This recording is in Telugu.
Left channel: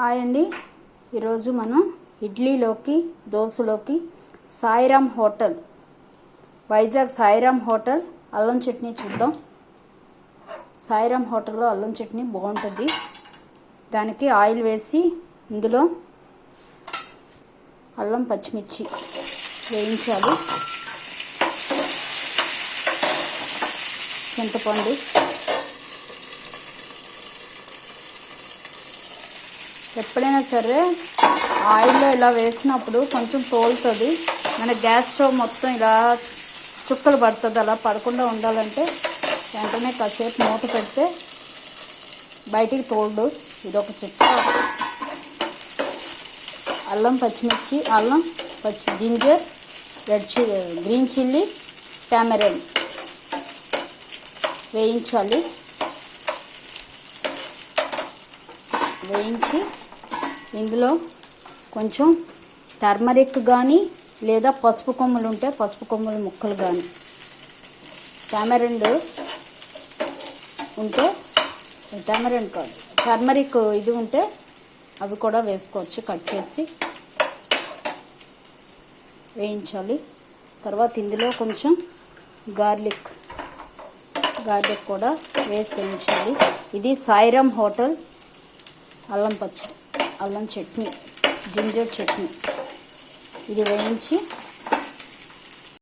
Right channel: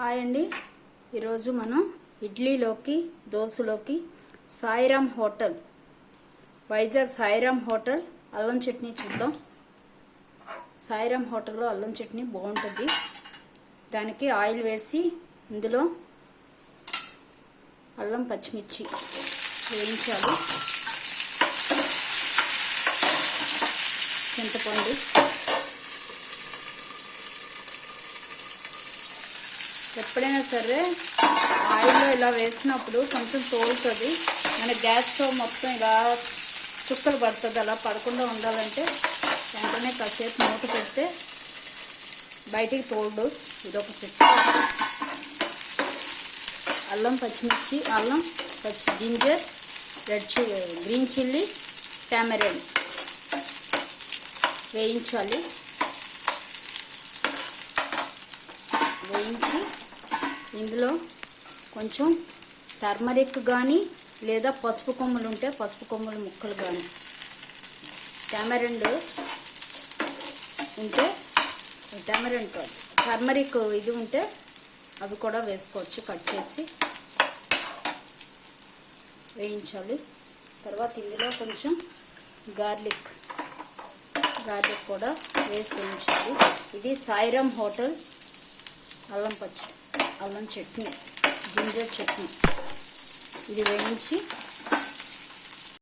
హాయ్ అండి. ఈరోజు మనం ఇడ్లీలోకి దోశలోకి సాయిరామ్ హోటల్ వైజాగ్ సాయిరామ్ హోటల్ అల్లం చట్నీ చూద్దాం. సాయిరామ్ హోటల్లో అల్లం చట్నీ బాగుంటుంది. దానికి ఆయిల్ వేసి ఇందులో అల్లం పచ్చిమిర్చి వేయించాలి. చింతపండు, ఎప్పుడైనా సరే ఆయిల్లో ఇలా వేసినప్పుడు కొంచెం తోలుతుంది. మన గ్యాస్ స్టవ్ మొత్తం ఇలా చుక్కలు పడుతుంది. అలా పడకుండా ఉండాలంటే వెంటనే కాసేపు మూత పెడితే బయటికి తోలదు. ఇదొక చిట్కా. అల్లం పచ్చిమిర్చి, జింజర్, గ్రీన్ చిల్లీ, టామరిన్ వేయించాలి. వేయించి ఇందులో కొంచెం టర్మరిక్ కానీ లేదా పసుపు కొమ్ములు ఉంటే పసుపు కొమ్ముల ముక్కలు కానీ, టామరిన్ ఉంటే టామరిన్ కాదు టర్మరిక్ ఇది ఉంటే అవి కూడా వేసుకోవచ్చు. కట్ చేసి వేయించాలి. తర్వాత ఇందులో కొంచెం గార్లిక్ కూడా వేసి వేయించాలి. ఇది సాయిరామ్ హోటల్ అల్లం చట్నీ, జింజర్ చట్నీ. ఇది వేయించి